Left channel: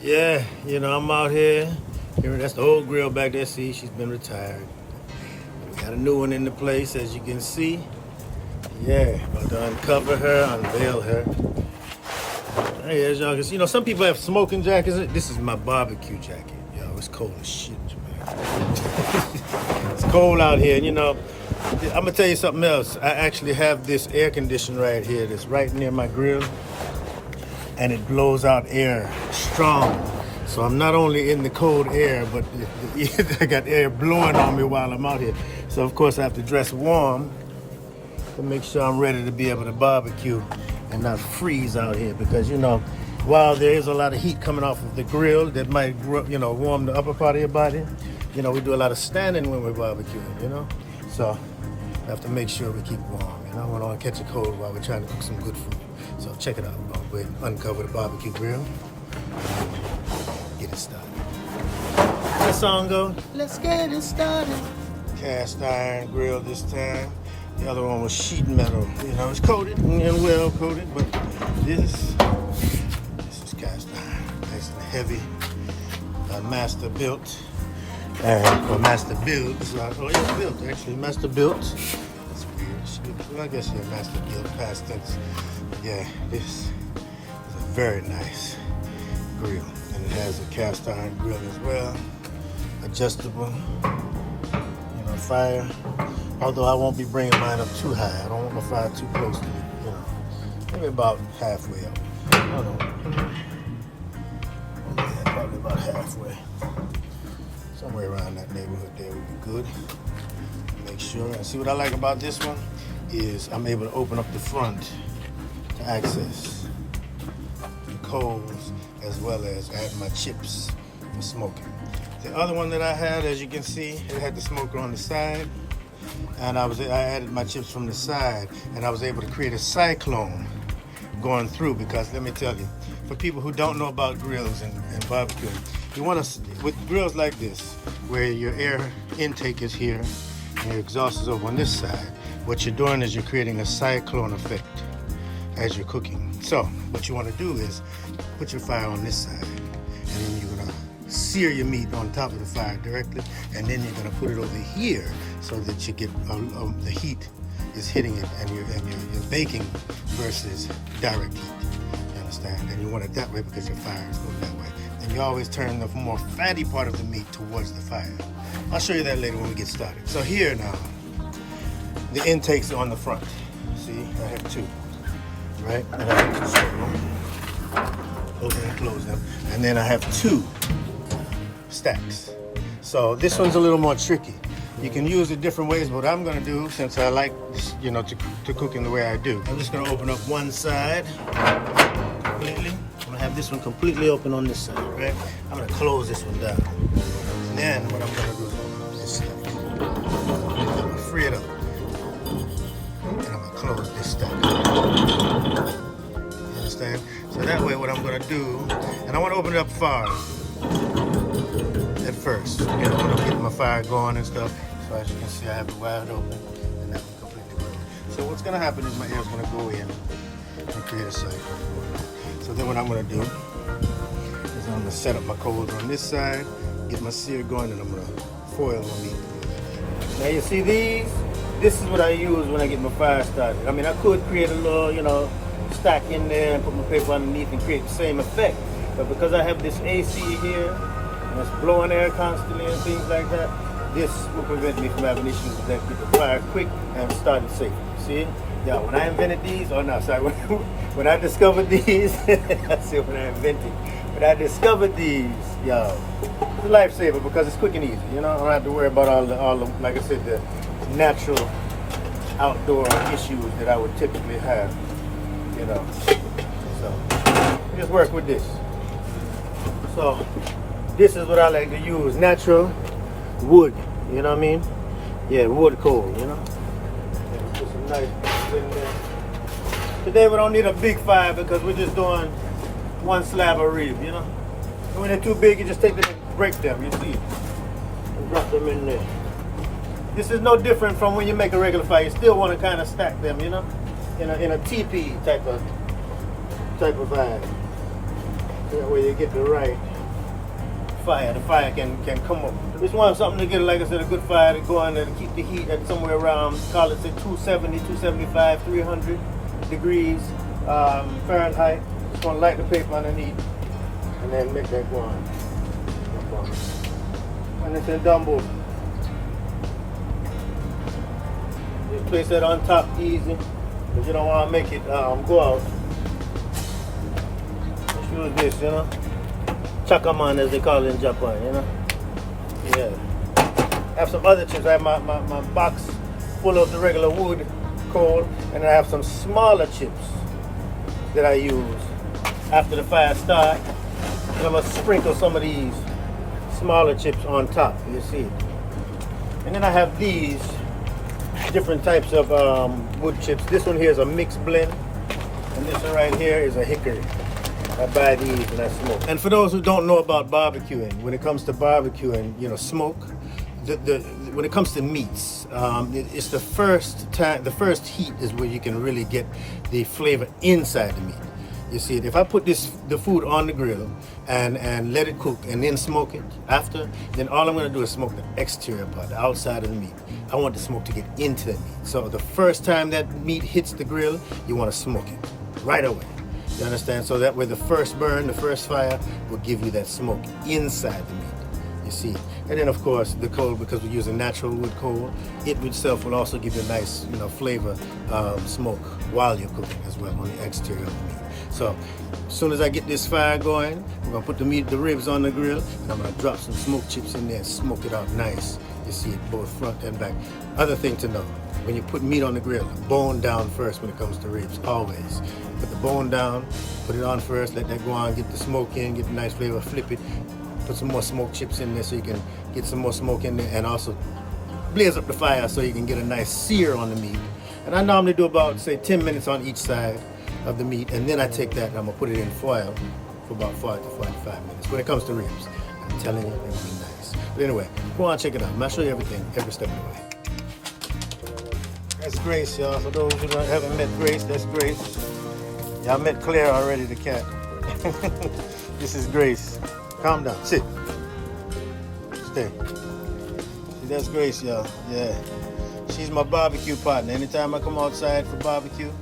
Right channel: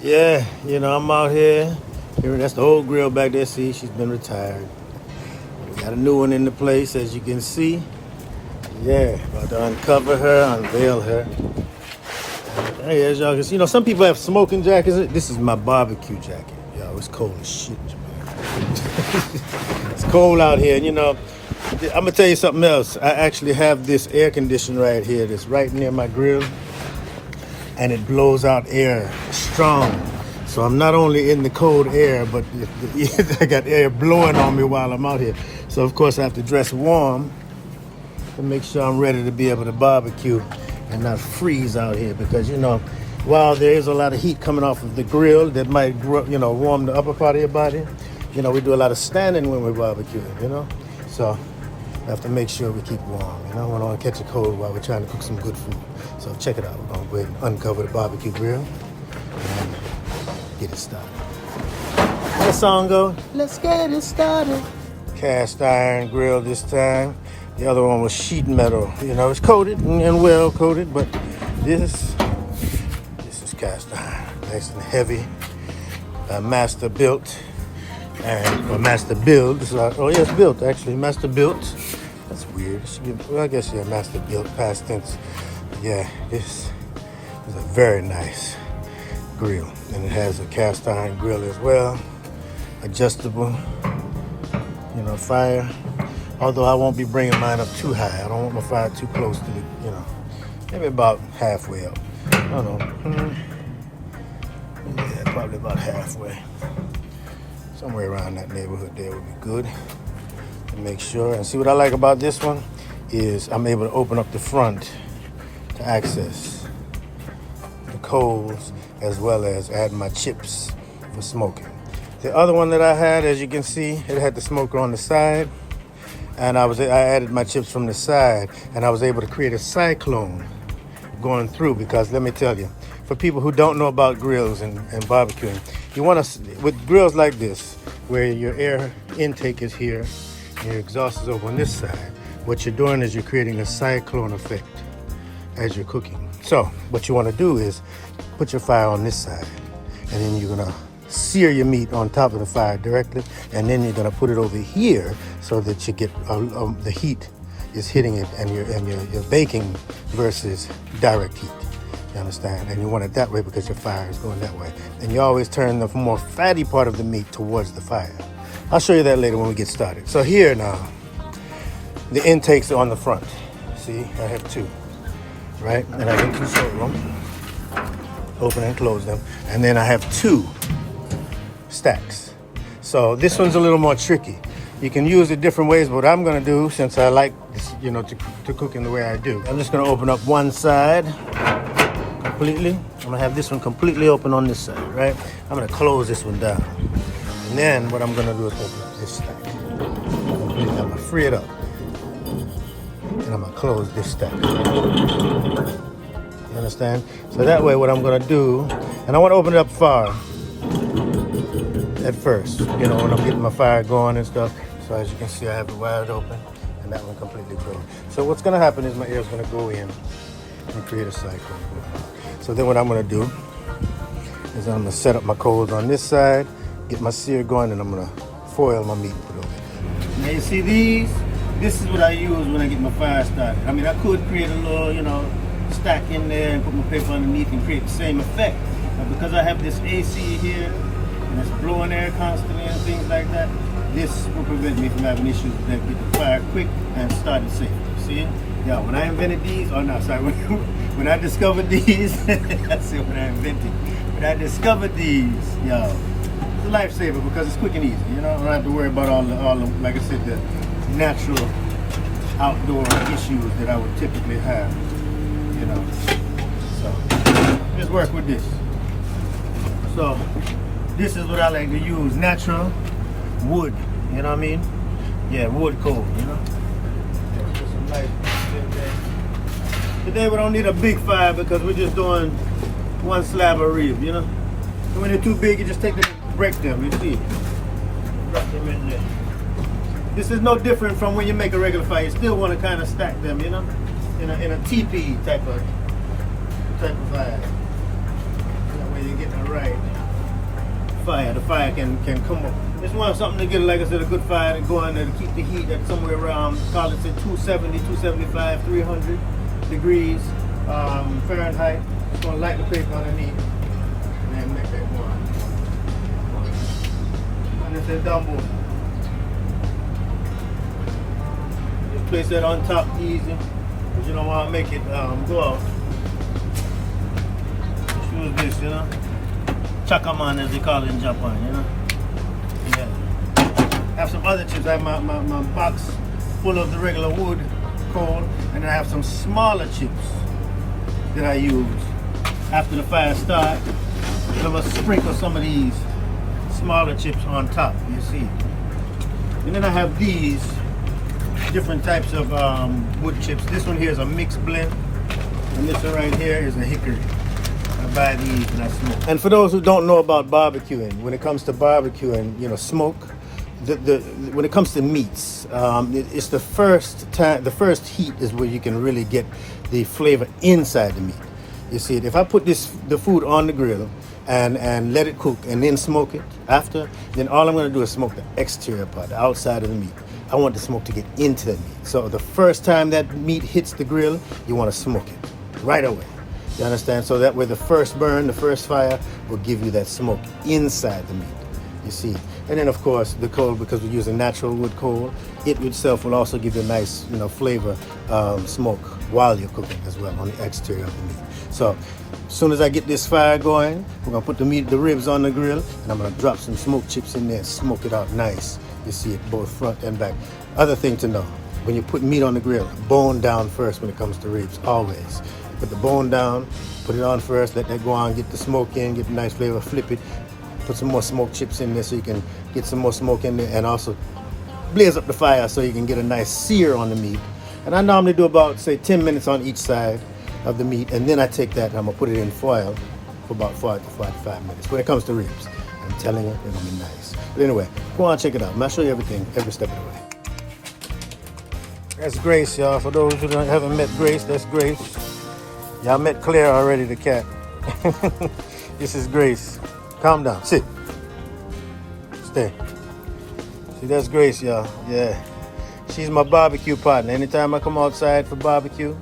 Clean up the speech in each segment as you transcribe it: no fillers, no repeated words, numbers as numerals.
Yeah, I'm out here. That's the old grill back there. See, she's been retired. We got a new one in the place, as you can see. Yeah, about to uncover her, unveil her. Hey, as y'all can see, some people have smoking jackets. This is my barbecue jacket. Yo, it's cold as shit, man. It's cold out here. And, I'm going to tell you something else. I actually have this air conditioner right here that's right near my grill. And it blows out air strong. So I'm not only in the cold air, but I got air blowing on me while I'm out here. So of course I have to dress warm to make sure I'm ready to be able to barbecue and not freeze out here. Because while there is a lot of heat coming off of the grill that might warm the upper part of your body, we do a lot of standing when we're barbecuing, So we have to make sure we keep warm. We don't want to catch a cold while we're trying to cook some good food. So check it out. We're going to go ahead and uncover the barbecue grill and get it started. That song goes, let's get it started. Cast iron grill this time. The other one was sheet metal. It's coated and well coated, but this is cast iron. Nice and heavy. Master built. Or master build. It's built actually. Master built. That's weird. Well, I guess master built past tense. Yeah, this is a very nice grill, and it has a cast iron grill as well. Adjustable. Fire. Although I won't be bringing mine up too high. I don't want my fire too close to the. Maybe about halfway up. I don't know. Yeah, probably about halfway. Somewhere around that neighborhood there would be good. Make sure. And see what I like about this one is I'm able to open up the front to access the coals as well as add my chips for smoking. The other one that I had, as you can see, it had the smoker on the side, and I added my chips from the side, and I was able to create a cyclone going through. Because let me tell you, for people who don't know about grills and barbecuing, you want to, with grills like this, where your air intake is here, and your exhaust is over on this side, what you're doing is you're creating a cyclone effect as you're cooking. So what you want to do is put your fire on this side, and then you're going to sear your meat on top of the fire directly, and then you're going to put it over here so that you get the heat is hitting it, and you're baking versus direct heat. You understand? And you want it that way because your fire is going that way. And you always turn the more fatty part of the meat towards the fire. I'll show you that later when we get started. So here now, the intakes are on the front. See, I have two, right? And I can control them, open and close them. And then I have two stacks. So this one's a little more tricky. You can use it different ways, but what I'm gonna do, since I like this, to cook in the way I do, I'm just gonna open up one side completely. I'm gonna have this one completely open on this side, right? I'm gonna close this one down. And then what I'm gonna do is open up this stack. I'm gonna free it up. And I'm gonna close this stack. You understand? So that way what I'm gonna do, and I wanna open it up far at first, when I'm getting my fire going and stuff. So as you can see, I have it wide open and that one completely closed. So what's gonna happen is my air is gonna go in and create a cycle. So then what I'm gonna do is I'm gonna set up my coals on this side, get my sear going, and I'm gonna foil my meat a little bit. Now you see these? This is what I use when I get my fire started. I mean, I could create a little, stack in there and put my paper underneath and create the same effect. But because I have this AC here, and it's blowing air constantly and things like that, this will prevent me from having issues with that. Get the fire quick and start it safe. See? Yeah, when I invented these, when I discovered these, I said when I invented, when I discovered these, it's a lifesaver because it's quick and easy. I don't have to worry about all the, like I said, the natural outdoor issues that I would typically have. So just work with this. So this is what I like to use, natural wood, you know what I mean? Yeah, wood coal, Today we don't need a big fire because we're just doing one slab of rib, When they're too big, you just take them and break them, you see? Drop them in there. This is no different from when you make a regular fire. You still want to kind of stack them, in a teepee type of fire. That way you get the right fire. The fire can come up. Just want something to get, like I said, a good fire to go in and keep the heat at somewhere around, call it 270, 275, 300 degrees Fahrenheit. Just gonna light the paper underneath and then make that go on. And it's a dumbo. You place that on top easy, but you don't want to make it go out. Just use this, you know. Chakaman, as they call it in Japan, you know. Yeah. I have some other chips. I have my box full of the regular wood coal, and I have some smaller chips that I use after the fire starts. I'm gonna sprinkle some of these smaller chips on top. You see it. And then I have these different types of wood chips. This one here is a mixed blend, and this one right here is a hickory. I buy these and I smoke. And for those who don't know about barbecuing, when it comes to barbecuing, you know, smoke, when it comes to meats, it's the first time, the first heat is where you can really get the flavor inside the meat. You see it. If I put the food on the grill and let it cook and then smoke it after, then all I'm going to do is smoke the exterior part, the outside of the meat. I want the smoke to get into the meat. So the first time that meat hits the grill, you want to smoke it right away. You understand? So that way the first burn, the first fire will give you that smoke inside the meat. You see? And then of course the coal, because we're using natural wood coal, it itself will also give you a nice, you know, flavor smoke while you're cooking as well on the exterior of the meat. So as soon as I get this fire going, we're gonna put the ribs on the grill, and I'm gonna drop some smoke chips in there and smoke it out nice. You see it both front and back. Other thing to know, when you put meat on the grill, bone down first when it comes to ribs, always. Put the bone down, put it on first, let that go on, get the smoke in, get the nice flavor, flip it, put some more smoke chips in there so you can get some more smoke in there, and also blaze up the fire so you can get a nice sear on the meat. And I normally do about, say, 10 minutes on each side of the meat, and then I take that and I'm gonna put it in foil for about 40 to 45 minutes. When it comes to ribs, I'm telling you, they're gonna be nice. But anyway, go on, check it out. I'm gonna show you everything, every step of the way. That's Grace, y'all. For those who haven't met Grace, that's Grace. Y'all met Claire already, the cat. This is Grace. Calm down. Sit. Stay. See, that's Grace, y'all. Yeah. She's my barbecue partner. Anytime I come outside for barbecue,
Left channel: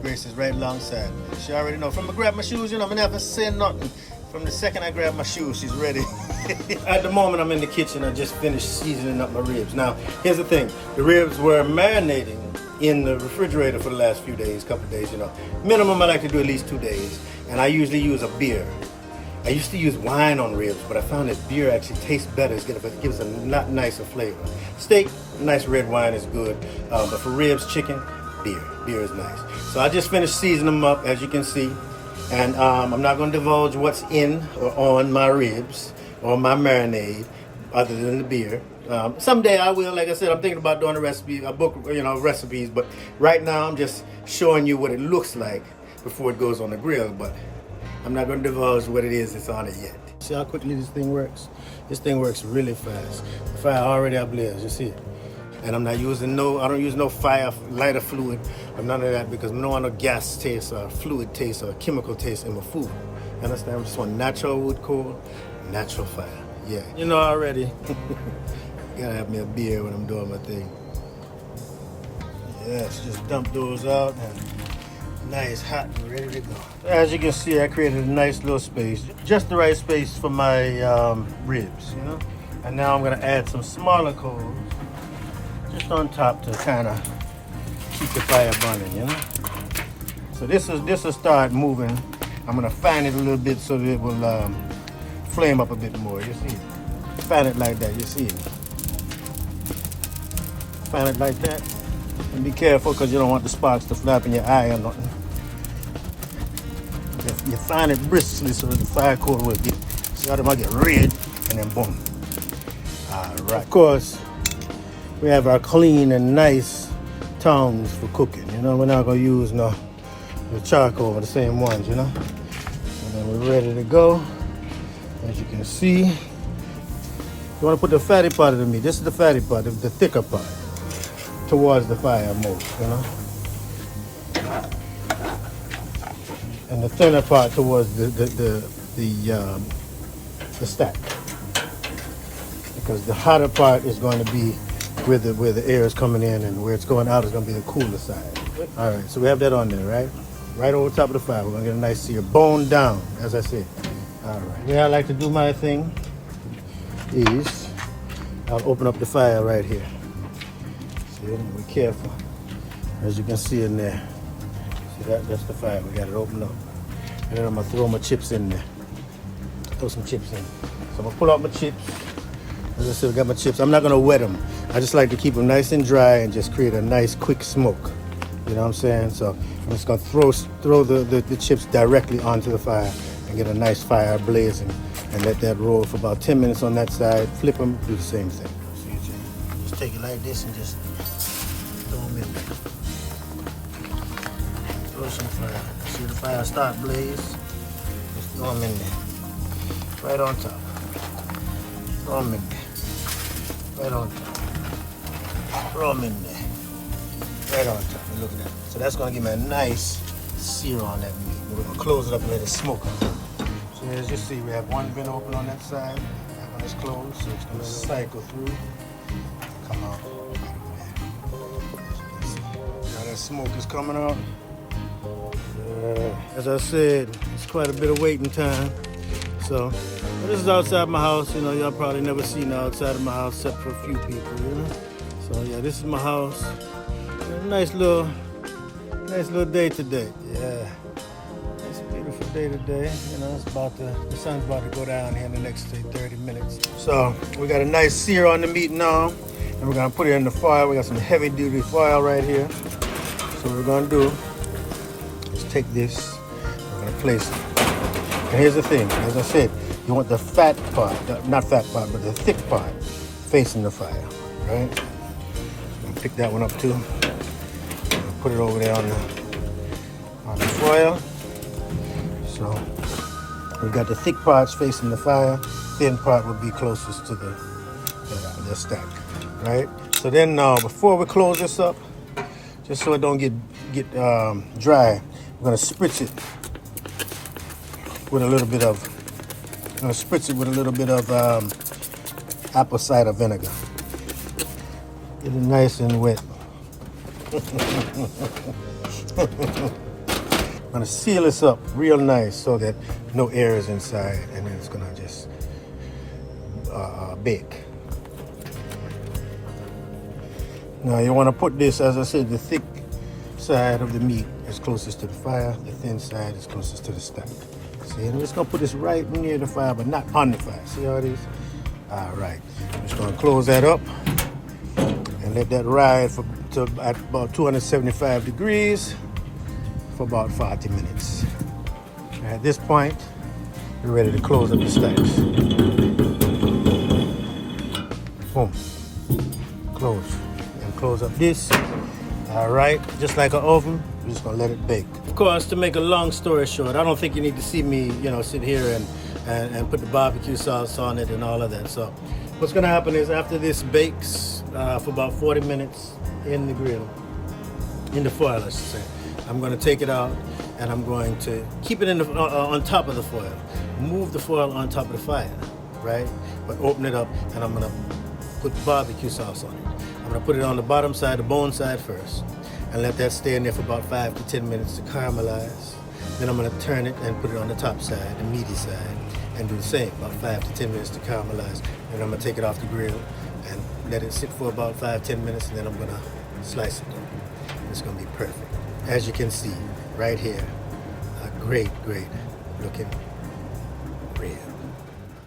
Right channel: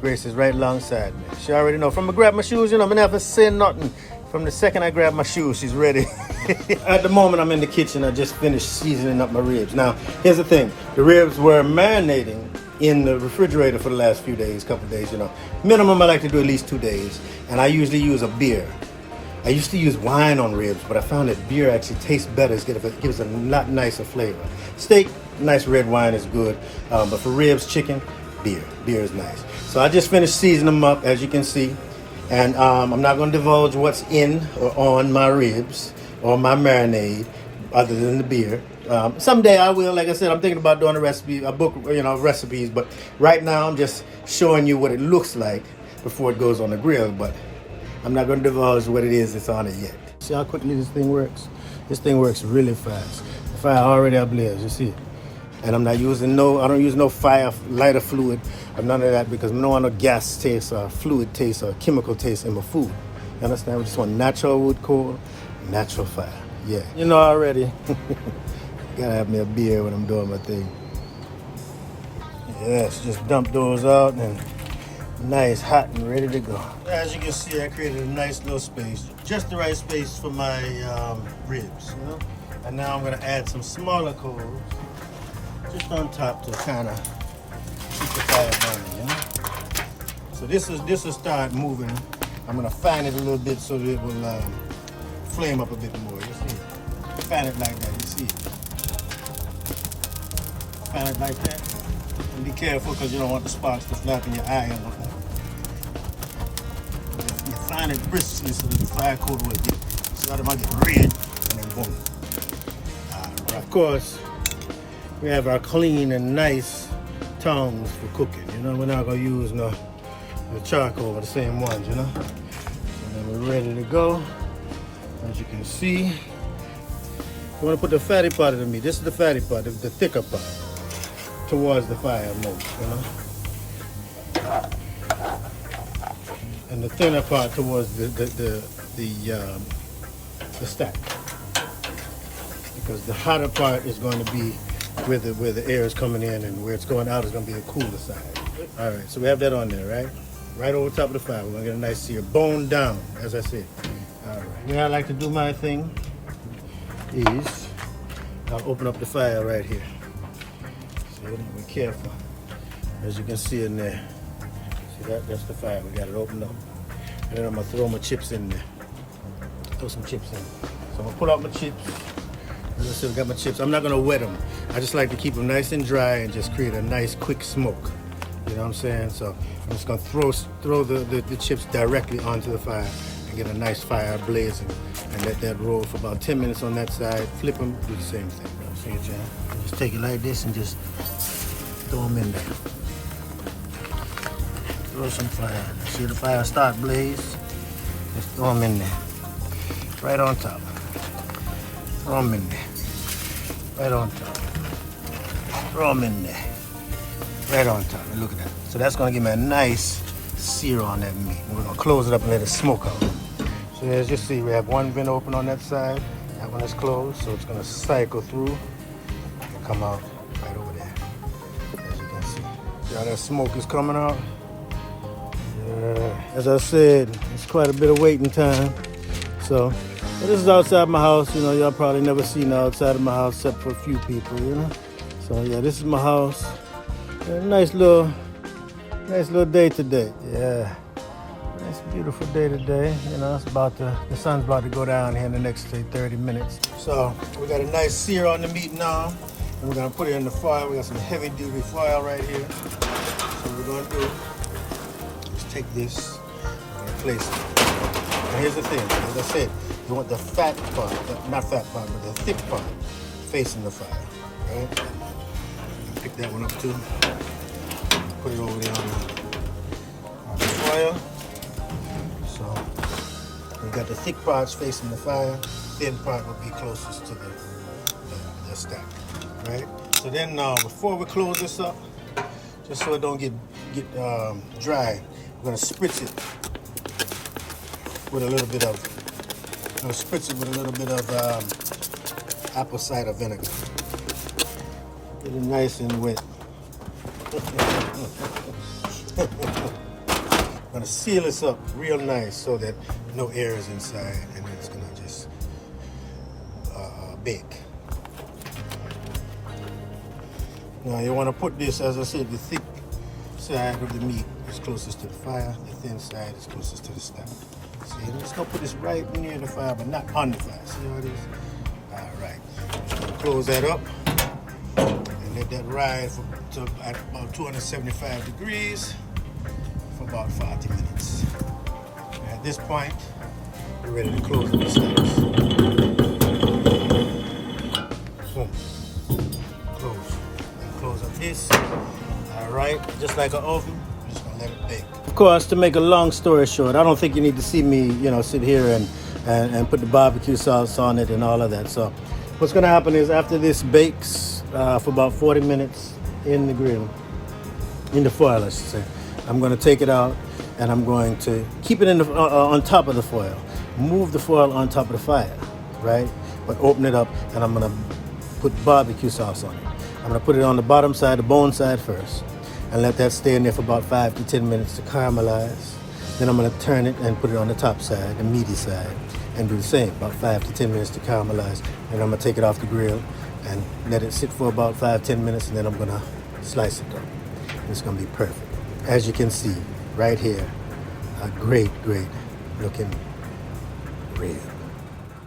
Grace is right alongside me. She already know. From I grab my shoes, you know, I'm never saying nothing. From the second I grab my shoes, she's ready. At the moment, I'm in the kitchen. I just finished seasoning up my ribs. Now, here's the thing. The ribs were marinating in the refrigerator for the last few days, couple days, you know. Minimum, I like to do at least 2 days. And I usually use a beer. I used to use wine on ribs, but I found that beer actually tastes better. It gives a lot nicer flavor. Steak, nice red wine is good. But for ribs, chicken, beer. Beer is nice. So I just finished seasoning them up, as you can see. And I'm not going to divulge what's in or on my ribs or my marinade other than the beer. Someday I will. Like I said, I'm thinking about doing a book, you know, recipes. But right now I'm just showing you what it looks like before it goes on the grill. But I'm not going to divulge what it is that's on it yet. See how quickly this thing works? This thing works really fast. The fire already ablaze, you see it? And I'm not using I don't use no lighter fluid or none of that, because I don't want no gas taste or fluid taste or chemical taste in my food. You understand? We just want natural wood coal, natural fire. Yeah. You know already. Gotta have me a beer when I'm doing my thing. Yes, just dump those out and nice, hot and ready to go. As you can see, I created a nice little space, just the right space for my ribs, you know. And now I'm gonna add some smaller coals just on top to kind of keep the fire burning, you know. So this will start moving. I'm gonna fan it a little bit so that it will flame up a bit more. You see it? Fan it like that. You see it? Fan it like that. And be careful, because you don't want the sparks to snap in your eye or nothing. You fan it briskly so that the fire coal will get, so that it might get red, and then boom. All right. Of course, we have our clean and nice tongs for cooking. You know, we're not gonna use the charcoal, the same ones, you know. And then we're ready to go. As you can see, you want to put the fatty part of the meat. This is the fatty part, the thicker part, towards the fire most, you know. And the thinner part towards the the stack, because the hotter part is going to be where the air is coming in, and where it's going out is going to be the cooler side. All right, so we have that on there, right? Right over top of the fire. We're going to get a nice sear, bone down, as I said. All right. The way I like to do my thing is I'll open up the fire right here. See it? Be careful. As you can see in there. See that's the fire. We got it open up. Then I'm going to throw my chips in there. Throw some chips in. So I'm going to pull out my chips. As I said, we got my chips. I'm not going to wet them. I just like to keep them nice and dry and just create a nice quick smoke. You know what I'm saying? So I'm just going to throw the chips directly onto the fire and get a nice fire blazing, and let that roll for about 10 minutes on that side. Flip them, do the same thing. See it, Jan? Just take it like this and just throw them in there. Throw some fire. See the fire start blaze? Just throw them in there. Right on top. Throw them in there. Right on top. Throw them in there. Right on top. Look at that. So that's going to give me a nice sear on that meat. We're going to close it up and let it smoke out. So as you see, we have one vent open on that side. That one is closed, so it's going to cycle through and come out right over there. As you can see. See how that smoke is coming out? As I said, it's quite a bit of waiting time. So this is outside my house. You know, y'all probably never seen outside of my house except for a few people, you know. So yeah, this is my house. Nice little day today. Yeah, it's a beautiful day today. You know, it's the sun's about to go down here in the next, say, 30 minutes. So we got a nice sear on the meat now, and we're gonna put it in the foil. We got some heavy duty foil right here. So what we're gonna do is take this, we're gonna place it. And here's the thing, as I said, you want the fat part, not fat part, but the thick part facing the fire, right? Pick that one up too. Put it over there on the foil. So we got the thick parts facing the fire. Thin part will be closest to the stack, right? So then before we close this up, just so it don't get dry, we're gonna spritz it with a little bit of apple cider vinegar. Get it nice and wet. I'm gonna seal this up real nice so that no air is inside, and then it's gonna just bake. Now you wanna put this, as I said, the thick side of the meat is closest to the fire, the thin side is closest to the stack. See, I'm just gonna put this right near the fire, but not on the fire. See how it is? All right, I'm just gonna close that up. Let that ride at about 275 degrees for about 40 minutes. And at this point, we're ready to close up the stacks. Boom. Close. And close up this. All right, just like an oven, we're just gonna let it bake. Of course, to make a long story short, I don't think you need to see me, sit here and put the barbecue sauce on it and all of that. So what's gonna happen is after this bakes, for about 40 minutes in the grill, in the foil, I should say, I'm going to take it out and I'm going to keep it on top of the foil. Move the foil on top of the fire, right? But open it up and I'm going to put barbecue sauce on it. I'm going to put it on the bottom side, the bone side first, and let that stay in there for about 5 to 10 minutes to caramelize. Then I'm going to turn it and put it on the top side, the meaty side, and do the same, about 5 to 10 minutes to caramelize. And I'm going to take it off the grill and let it sit for about 5-10 minutes, and then I'm gonna slice it up. It's gonna be perfect. As you can see right here, a great looking rib.